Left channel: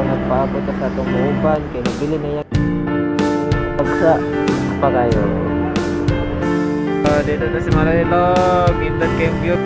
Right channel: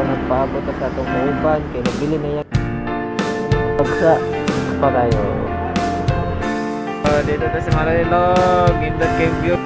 to nagpaabot sa atong mauban kay nabili na yan pagsa pa kayo. Dito na si Marilog, indot kay view.